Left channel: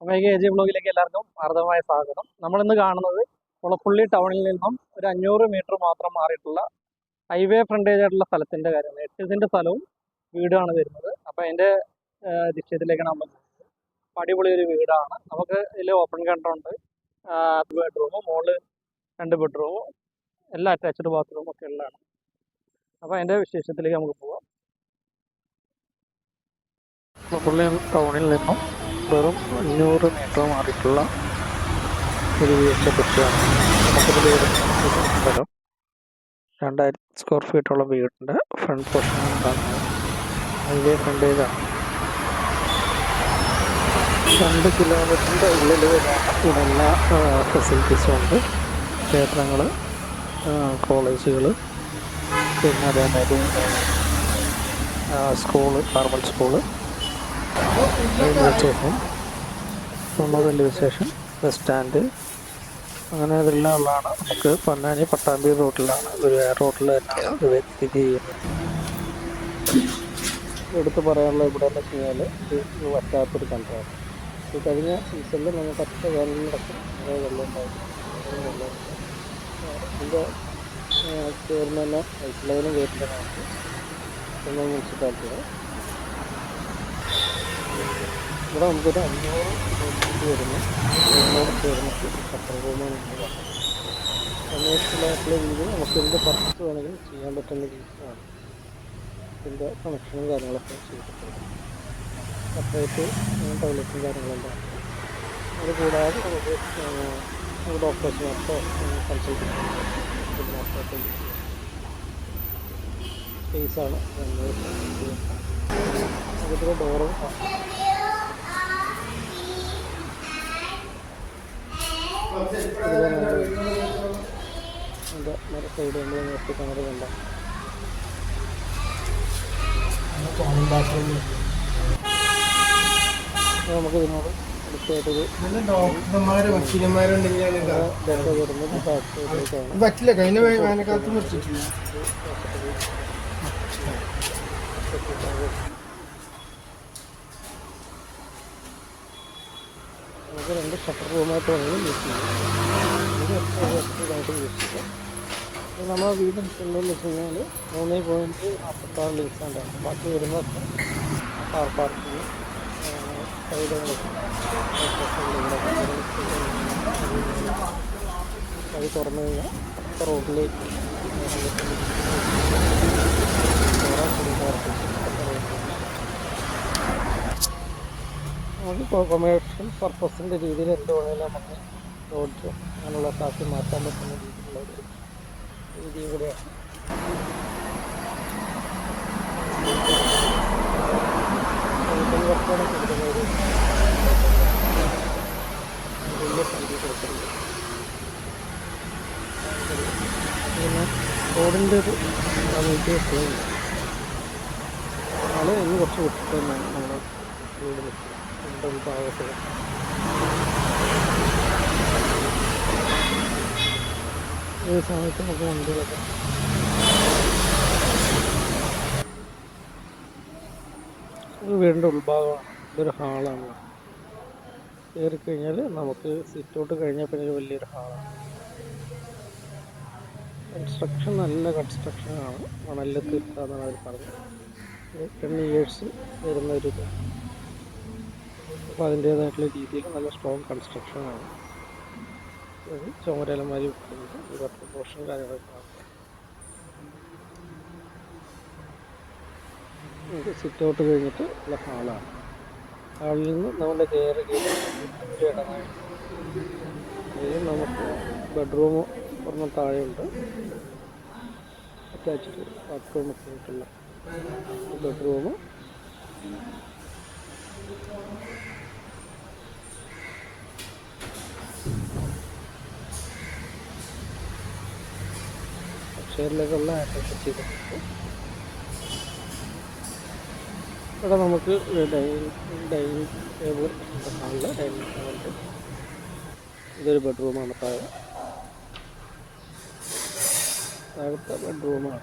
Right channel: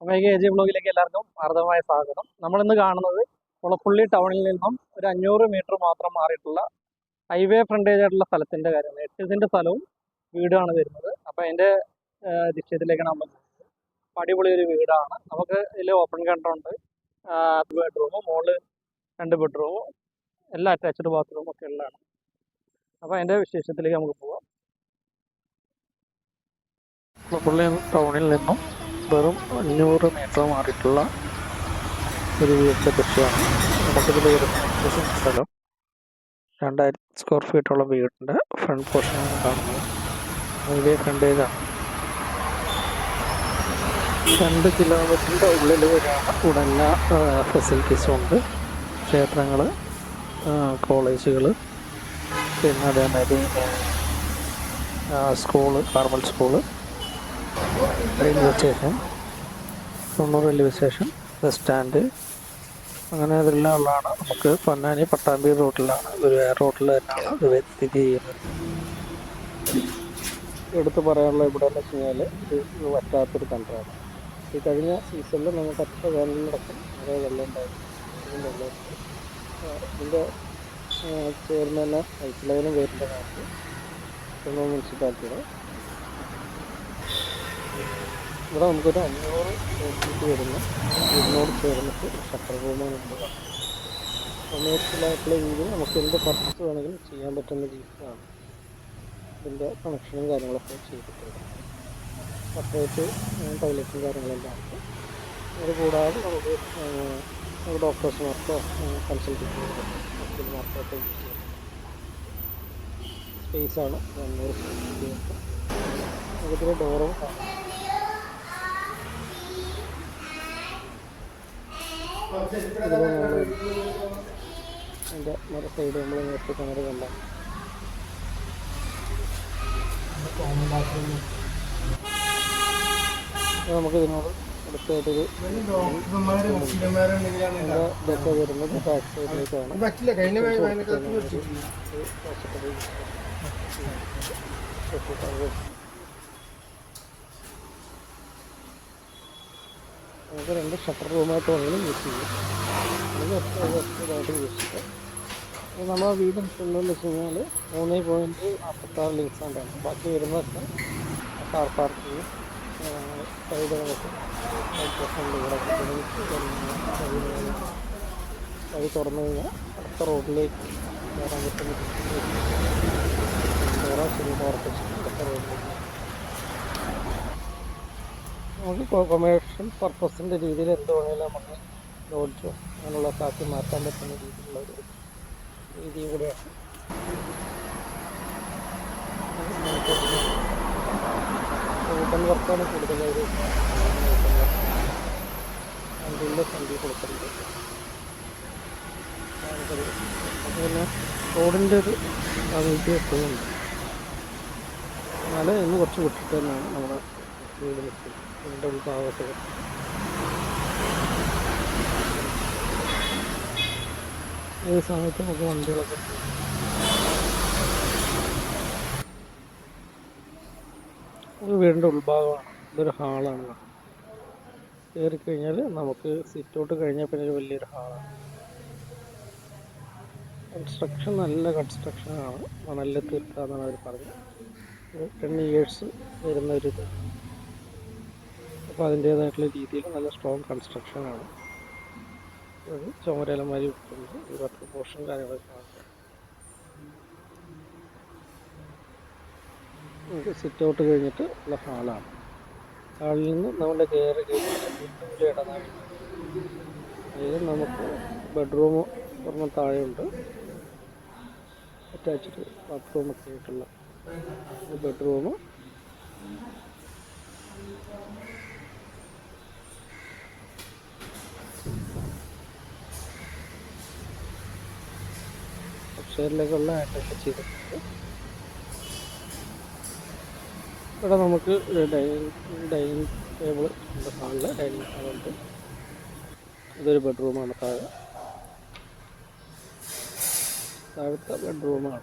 അപ്പോൾ K G ബ്ലോഗിലേക്ക് എല്ലാവർക്കും ഹാർദവമായ സ്വാഗതം. നമ്മളിന്ന് കാണുന്നത് കുളപ്പുള്ളി ടൗണിൽ നിന്നും ഒരു അഞ്ഞൂറ് മീറ്റർ മാത്രം മാറിയിട്ടുള്ള ഹൈവേ ഫ്രണ്ടേജ് ആയിട്ടുള്ള സ്ഥലത്തിന്റെ കാര്യമാണ്. എട്ട് സ്ഥലവും വീടാണ് വരുന്നത്. അപ്പോൾ അതിന്റെ ദിശയത്തിലേക്കാണ് നമ്മൾ അടിപൊളി ഒരു വീടാണ്. നമുക്ക് ഇതിൽ ഓപ്പൺ കണ്ടുണ്ട് ബെഡ്റൂം മോൾ രണ്ട് ബെഡ്റൂമും എല്ലാ അറ്റാച്ച്ഡ് ബാത്റൂമും ഒക്കെ ഉള്ളതാണ്. അപ്പോൾ അതിന്റെ വിശേഷത്തിലേക്ക് നമുക്ക് പോവാം. കുളപ്പുള്ളി ടൗണിൽ നിന്നും വെറും അഞ്ഞൂറ് മീറ്റർ മാറിയിട്ടുള്ള ഒരു വീടിന്റെ കൃഷിയാണ്. നമുക്കിതിൽ വരുന്ന സ്ഥലം. രണ്ടായിരം സ്ക്വയർ ഫീറ്റുള്ള വീടിന്റെ ഫ്രണ്ട് പോർഷനാണ് കാണുന്നത്. അതിന്റെ ഫ്രണ്ട് ഇതാണ് രണ്ട് കിലോമീറ്ററിന്റെ ഉള്ളിൽ വരെയാണ് ഇവിടെ എല്ലാ ഫെസിലിറ്റീസും ഉണ്ട്. ക്ഷേത്രങ്ങൾ കോളേജുകൾ പിന്നെ അതേമാതിരി school Carmel school railway station തൊണ്ണൂറ് റെയിൽവേ സ്റ്റേഷൻ ബസ് സ്റ്റാൻഡ്. അങ്ങനെ ഇതെല്ലാം ഉള്ളതാണ് നമുക്ക് പൊന്നാനി പട്ടാമ്പി റൂട്ടിലാണ്. ഒരു റൂട്ടിൽ തന്നെയാണ് ഇത് സ്ഥിതി ചെയ്യുന്നത്. എടുത്തു പറയാനുള്ള ഇവിടെ എന്ന് വെച്ച് കഴിഞ്ഞാൽ ഇത് വറ്റാത്തൊരു കണ്ടറാണ് ഈ കഴിഞ്ഞ സീസണിൽ നമുക്ക് ഒറ്റ വേനലിനടക്കം നിറയെ വെള്ളം ഉണ്ടായിരുന്നു. വെള്ളം ഇതിന്റെ ചേർന്ന് തന്നെ പൈപ്പ് ലൈനും വരുന്ന നമുക്ക് മുനിസിപ്പാലിറ്റിയുടെ ഇവിടെ നമുക്കൊരു അഞ്ഞൂറ് ഫീറ്റ് വരുന്ന. വീടിനോട് ചേർന്നിട്ട് ഒരു ഷട്ടർ റൂമാണ് നമ്മൾ കാണുന്നത് രീതിയിൽ നമുക്ക് എന്ത് പർപ്പസ് വേണമെങ്കിലും ചെയ്യാൻ പറ്റുന്ന രീതിയിലാണ് ഇതിന്റെ കണക്ഷനും കാര്യങ്ങളൊക്കെ ചെയ്തിട്ടുള്ളത്. സെപ്പറേറ്റ് ടോയ്ലറ്റും കാര്യങ്ങളെല്ലാം ഉണ്ട്. അത് കൂടാതെ നമുക്ക് ഡോക്ടേഴ്സുമാർക്കോ കൺസൾട്ടന്റുമാർക്കോ ഹോസ്പിറ്റലുമാർക്കോ ഒക്കെ യൂസ് ചെയ്യാം. സ്പേസാണ് അഞ്ഞൂറ് സ്ക്വയർ നമുക്കിതിൽ ഡോറും ഇതിൽ നമ്മൾ അതിന്റെ മറ സൈഡ് നമ്മൾ നോക്കി കിണർ കണ്ട നമുക്ക് ഇതിനോട് അടുത്തായിട്ടൊരു ഇതൊക്കെ വരുന്നത് ബാക്ക് സൈഡിലേക്കാണ് പറ്റില്ല കഴിഞ്ഞ വേനൽക്കാലത്ത് നമുക്ക് രണ്ട് ഷട്ടർ റൂമായിട്ട് വേണമെങ്കിലും യൂസ് ചെയ്യാം. അല്ലെങ്കിൽ എത്ര ഇതായിട്ട് യൂസ് ചെയ്യാം. അപ്പോൾ നമ്മളെ വീട് എടുക്കുന്നതെന്ന് വെച്ച് കഴിഞ്ഞാൽ മൂന്ന് പോയിന്റ് നാൽപ്പത്താറ് ലിങ്സ് ആണ്. ബാക്കി വരുന്നതൊക്കെ കാർ പാർക്കിങ് സൈഡുകളൊക്കെ വഴി തുറന്നു കഴിഞ്ഞാൽ അടുത്ത റോഡിലേക്ക് കയറാൻ പറ്റുന്ന ചെറിയ ഉറപ്പിച്ച് അടുത്ത റോഡിലേക്ക് നമുക്ക് കൊമേഴ്ഷ്യൽ പർപ്പസിന്റെ രീതിയിൽ എന്ത് വേണമെങ്കിലും നമുക്ക് ലോഡ്ജോ അങ്ങനെയുള്ള ആക്കി മാറ്റാൻ പറ്റുന്ന രീതിയിലുള്ള ഒരു രീതി കൂടെയാണ്. ഹോട്ടൽ വർക്കാണ് കൂടുതലായിട്ട് അതിന്റെ കൊടുത്തിട്ടുണ്ട് അത് പിന്നെ റോഡിന്റെ ഒരു സാമീപ്യം എപ്പോഴും ഇന്ന് കുറച്ച് വിട്ടിട്ട് തന്നെയാണ് നമ്മുടെ വീട് നിൽക്കുന്നത്. വീടിന്റെ ഉൾഭാഗത്ത് ഏത് സമയത്ത് നമുക്ക് വണ്ടികളൊക്കെ ഒരു വീടിന്റെ ഉൾഭാഗമാണ്. ഇതൊരു ഹാളാണ്. കയറി കഴിഞ്ഞാൽ നമുക്ക് സിറ്റൗട്ട് കഴിഞ്ഞാൽ പിന്നെ ഒരു വലിയൊരു ഹാളാണ്. കൺസ്ട്രക്ഷൻ നല്ല കൺസ്ട്രക്ഷനാണ് മണലിൽ തീർത്താന്നാണ് അവർ പറഞ്ഞത്. ടെൻ ഇയേഴ്സ് വരുന്ന ഒരു ഇത്. അപ്പോൾ അതിന്റേതായിട്ടുള്ള രീതിയിൽ നല്ല സ്ട്രോങ് കൺസ്ട്രക്ഷനാണ് അത് ചുമരലമാരി വെക്കുന്നത് ഒരു വാട്ടർ പോർഷൻ കാര്യങ്ങളൊക്കെ കാണുന്നത് നമുക്ക് സിറ്റ് ഔട്ട് കഴിഞ്ഞിട്ട് ഉള്ള ഹാളാണ്. ഹാളിൽ നിന്ന് നമ്മുടെ കയറി കഴിഞ്ഞിട്ട് ഒരു നമുക്ക് ബെഡ്റൂം ഒരെണ്ണം താഴെയുണ്ട്. അറ്റാച്ച്ഡ് ബാത്റൂമൊക്കെ ആയിട്ടുള്ള ഒരു ബെഡ്റൂം അപ്ഷേറിലേക്കുള്ള ആറ്റൊക്കെ ചെയ്തിട്ടുണ്ട്. ഇവിടെ നമുക്ക് ഡൈനിങ് ഡൈനിങ് ടേബിൾ ഉണ്ട് ഹാളിൽ ഡൈനിങ് ടേബിളുണ്ട് ഇതൊരു ബെഡ്റൂമാണ് താഴെ. താഴത്തെ ബെഡ്റൂമാണ്.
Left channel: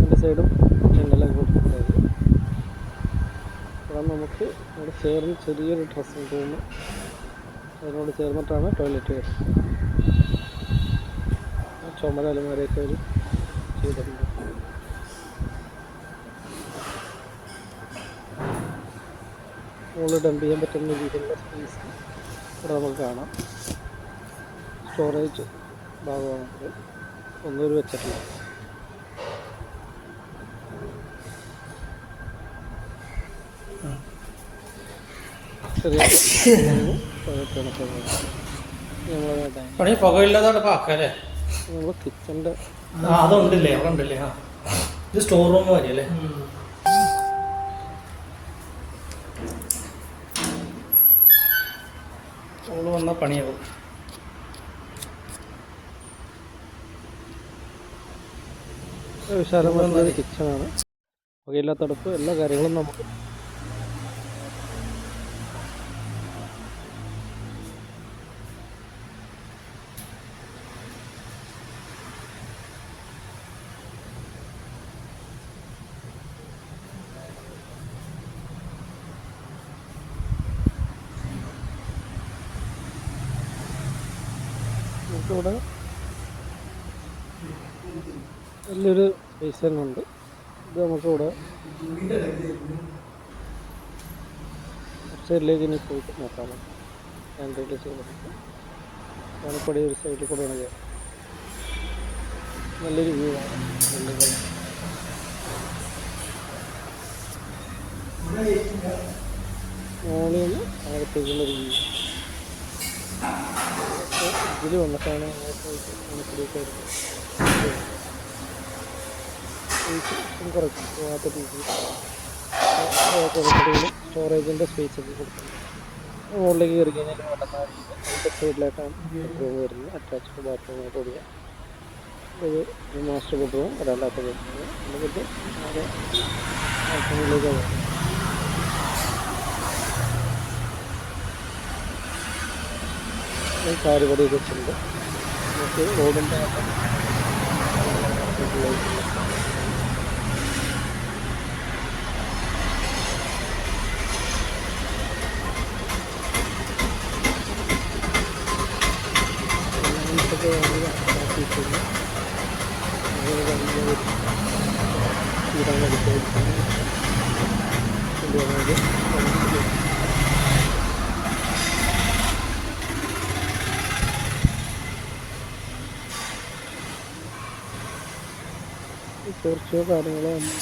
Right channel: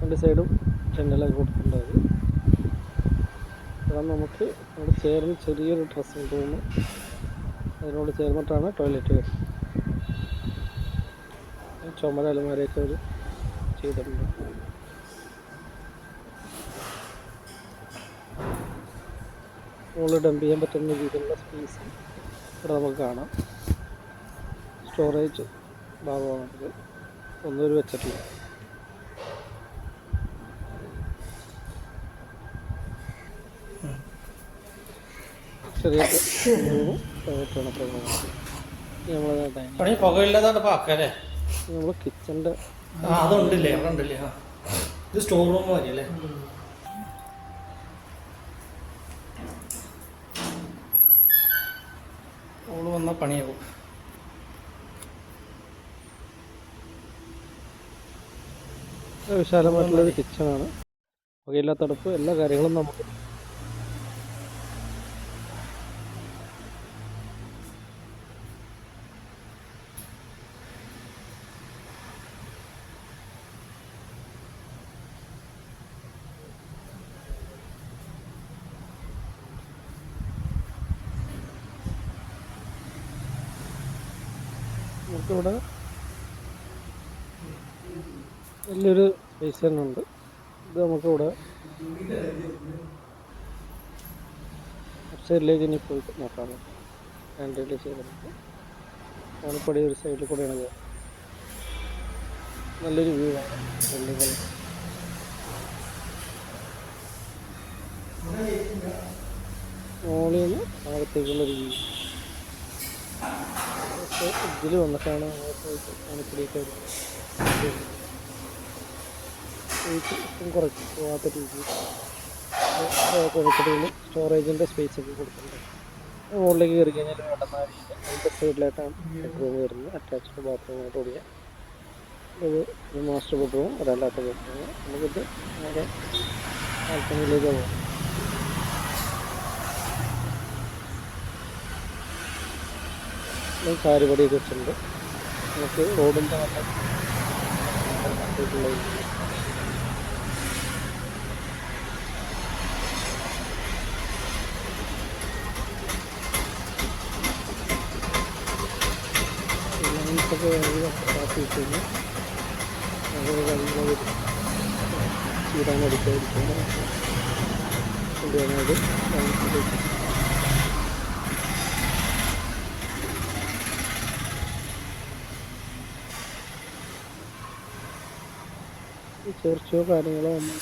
രണ്ട് സൈഡും ജനലൊക്കെ കൊടുത്തിട്ടുണ്ട് ഇവിടെ നമുക്ക് അവിടെ ചേർന്ന് ചെറിയൊരു ഡ്രസ്സിംഗ് റൂം അതിനോട് ചേർന്നിട്ടാണ് ടോയ്ലറ്റ് വരുന്നത്. ചുമര അലമാരയൊക്കെ അവർ ചെയ്തിട്ടുണ്ട്. മുകളിൽ ഡംപ് ചെയ്യാൻ പറ്റുന്ന രീതിയിലുള്ള സ്പേസ് ഇവിടെ നമുക്ക് കാണാം. സ്റ്റോറേജ് ഭാഗമാണത്. ഒന്നും ഒരു വെച്ചിട്ടില്ല. ചെറിയ നമ്മളെ കിച്ചന്റെ ഇത് സ്റ്റോർ റൂം വരെയല്ലേ? അവൾ വന്ന പണിയാവും. വിശാലമായിട്ടുള്ളൊരു കിച്ചണാണ് പുകയില്ലാത്ത അടുപ്പ് എല്ലാ കാര്യങ്ങളും നമുക്ക് നമുക്കിവിടെ നല്ലൊരു സ്പേസ് തന്നെ ഉണ്ട്. ഇത് നമുക്കിവിടെ സൈഡിലേക്ക് ഇനി പോയി നോക്കാൻ പറ്റും റിലീസ് ചെയ്തിട്ട് പണിപ്പടി ഒരു സൈഡിൽ കൂടെയാണ് ചെയ്യുക നല്ലൊരു വ്യൂ ആണ് ബിൽഡിങ്ങൾ മോളിൽ നിന്ന് താഴത്തേക്കുള്ളൊരു വ്യൂ ഇതിൽ വന്നിട്ടാണ് സ്പേസ് കുറച്ച് പോകാത്ത രീതിയിൽ കൊടുക്കടയിൽ സ്റ്റോറേജിന്റെ സ്പേസ് ഒക്കെ കൊടുക്കുന്നുണ്ട് മുകളിലേക്ക് കയറി കഴിഞ്ഞാൽ വേണ്ടുന്ന രീതിയിൽ അതിന്റെ സൈഡിലായിട്ടാണ് ബെഡ്റൂം വരുന്നത്. അറ്റാച്ച്ഡ് ബാത്റൂമായിട്ട് കൂടിയ ഒരു മാസ്റ്റർ ബെഡ്റൂം ഒരല്ലാത്ത ബെഡ്റൂം നമുക്കിത് ആകെ ബാൽക്കണിയിലേക്ക് പോകാം ചാരുപടിയൊക്കെ വെച്ചിട്ടുണ്ട്. നമുക്ക് റോഡിന്റെ വട്ടം ലൈൻസൊക്കെ വരും കൊണ്ടുവന്നത് ലൈൻസിലേക്ക് ചോർച്ചയോ കാര്യങ്ങളോ ഒന്നും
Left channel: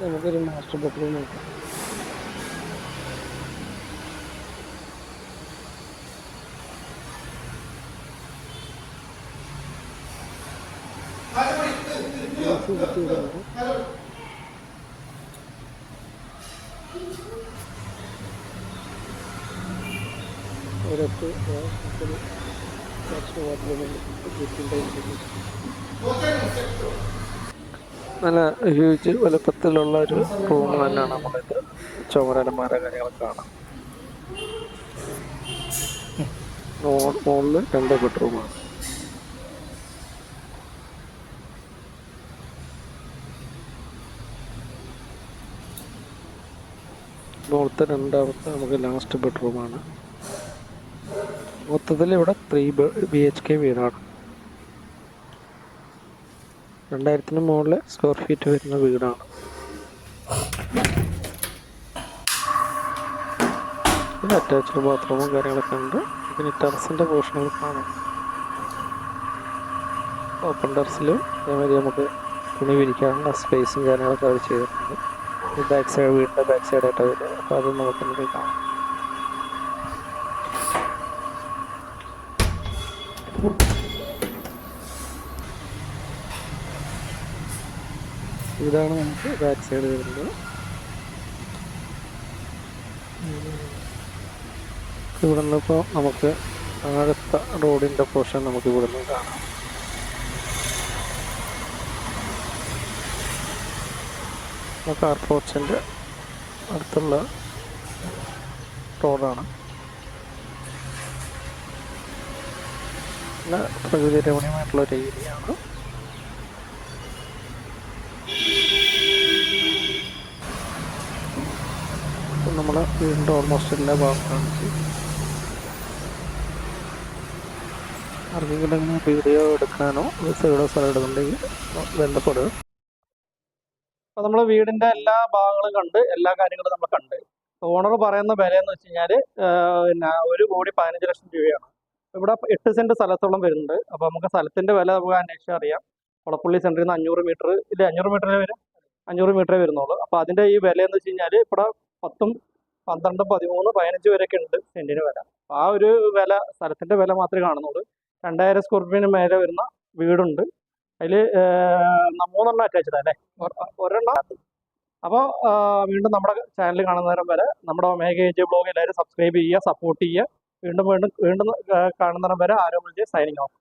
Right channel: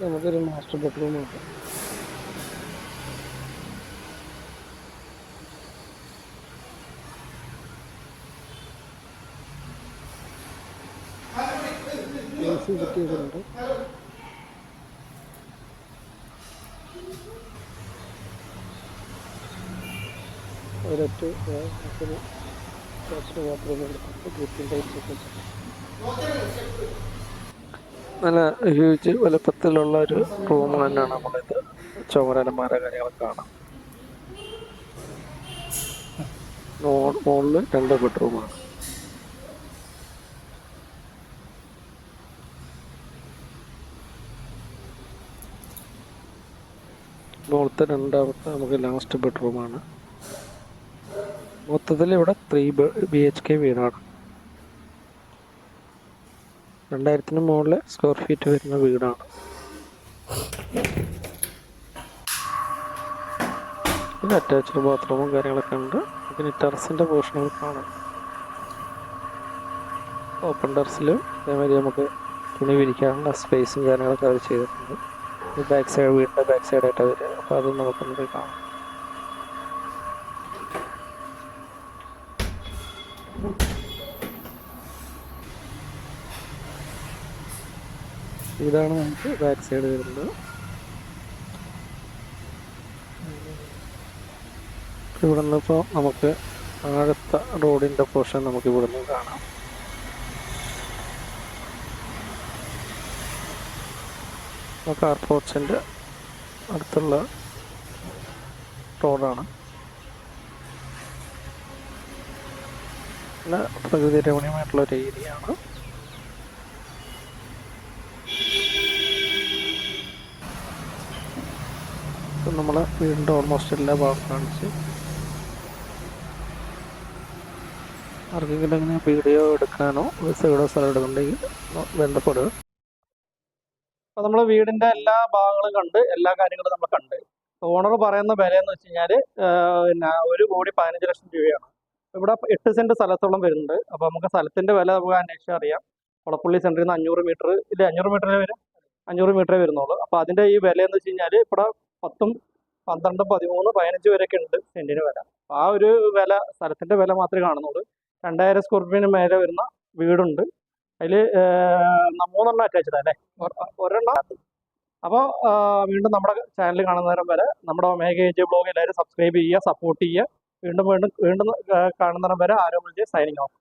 നമുക്കൊരു മാസ്റ്റർ ബെഡ്റൂം ഉണ്ട് എ സി ഫിറ്റ് ഒരൊറ്റ നമുക്കൊരു അറ്റാച്ച്ഡ് മാത്രമേ എടുത്തിട്ട് നല്ല ഹ്യൂജ് വലുപ്പത്തിലുള്ള ഒരു റൂം തന്നെയാണ് നമ്മളിത് ചുമരലമാര കാര്യങ്ങളൊക്കെ കാണാം. മുകളിൽ രണ്ട് ബെഡ്റൂമാണ് മുകളിലത്തെ രണ്ടാമത്തെ നമുക്ക് ലാസ്റ്റ് ബെഡ്റൂമാണ് മൊത്തത്തിൽ ഇവിടെ ത്രീ ബി എച്ച് കെ വീടാണ്. രണ്ടായിരത്തിന് മുകളിൽ സ്ക്വയർ ഫീറ്റ് വരുന്ന വീടാണ്. അറ്റാച്ച്ഡ് ബാത്റൂമും കാര്യങ്ങളൊക്കെ ഉണ്ട്. ഇതിന് ടെറസിന്റെ പോർഷനുകൾ കാണാം. ഓപ്പൺ ടെറസിലും അതേമാതിരി നമുക്ക് തുണി വിരിക്കാനുള്ള സ്പേസും കാര്യങ്ങളൊക്കെ അവർ ചെയ്തിട്ടുണ്ട്. ബാക്ക് സൈഡ് വീടിന്റെ ബാക്ക് സൈഡായിട്ട് വരിക. അപ്പോൾ അത് നമുക്കൊന്ന് പോയി കാണാം. ഇതാണ് നമുക്ക് ബാക്ക് സൈഡ് വരുന്നത്. ഇവിടെ നിന്നിപ്പോൾ നമുക്ക് താഴത്തെ റോഡിന്റെ പോർഷൻ നമുക്ക് ഇവിടെ നിന്ന് കാണാം. കാർ പോർച്ചിന്റെ അടുത്തുള്ള റോഡാണ്. നല്ല പ്രകൃതി രമണീയമായിട്ടുള്ള ഒരു ഏരിയ ആണ്. നമ്മൾ വീടിന്റെ ഓൾമോസ്റ്റ് എല്ലാ ഭാഗം കാണിച്ച്. ആർക്കെങ്കിലും എങ്ങനെ വീഡിയോ എടുക്കാനോ വിസയുടെ സ്ഥലം എടുക്കുന്നുണ്ടെങ്കിൽ ബന്ധപ്പെടുക. അപ്പോൾ നമ്മൾ വീടിന്റെ എല്ലാ ഭാഗങ്ങളും കണ്ട് എല്ലാ കാര്യങ്ങളും നമ്മൾ കണ്ട്. ഓണർ പറയുന്ന വില എന്ന് വെച്ച് കഴിഞ്ഞാൽ പിന്നെ ഒരു കോടി പതിനഞ്ച് ലക്ഷം രൂപയാണ്. ഇവിടെ എട്ട് സെന്റ് സ്ഥലത്തോളം വരുന്നുണ്ട്. അപ്പോൾ നമുക്ക് സ്ഥലത്തിന്റെ വില നമുക്ക് അന്വേഷിച്ചാൽ അറിയാം. കുളപ്പള്ളി സെന്ററിൽ നിന്ന് അഞ്ഞൂറ് മീറ്റർ ഇല്ല അഞ്ഞൂറ് മീറ്ററേ വരും അഞ്ഞൂറ് മീറ്ററേ വരുന്നുള്ളൂ. അപ്പോൾ അതിന്റെ ഈ വില എന്ന് വെച്ച് കഴിഞ്ഞാൽ ഇവിടെ പത്തും പന്ത്രണ്ടും പതിമൂന്ന് പതിനഞ്ച് വരെയൊക്കെ ഉണ്ട് സെന്റിന് വില. ആ ഒരു വില സ്ഥലത്തിന്റെ വില മാത്രമേ കാണുന്നുള്ളൂ. രണ്ടായിരം സ്ക്വയർ ഫീറ്റിന് മേലെ വരുന്ന വീടുണ്ട്. അതിൽ മൂന്നെണ്ണം അറ്റാച്ച്ഡ് അല്ലേ? ഒരെണ്ണം. അപ്പോൾ വീണ്ടും നമ്മുടെ ചാനൽ കാണുന്നവരം വരെ നമ്മുടെ ഒമേഗ ഏജ് ബ്ലോഗ് എല്ലാവരും സബ്സ്ക്രൈബ് ചെയ്യുക സപ്പോർട്ട് ചെയ്യുക. വീണ്ടും വീണ്ടും വീണ്ടും കാണുന്നവരം വരെ ആരോഗ്യ സൈനിങ് ഓഫ്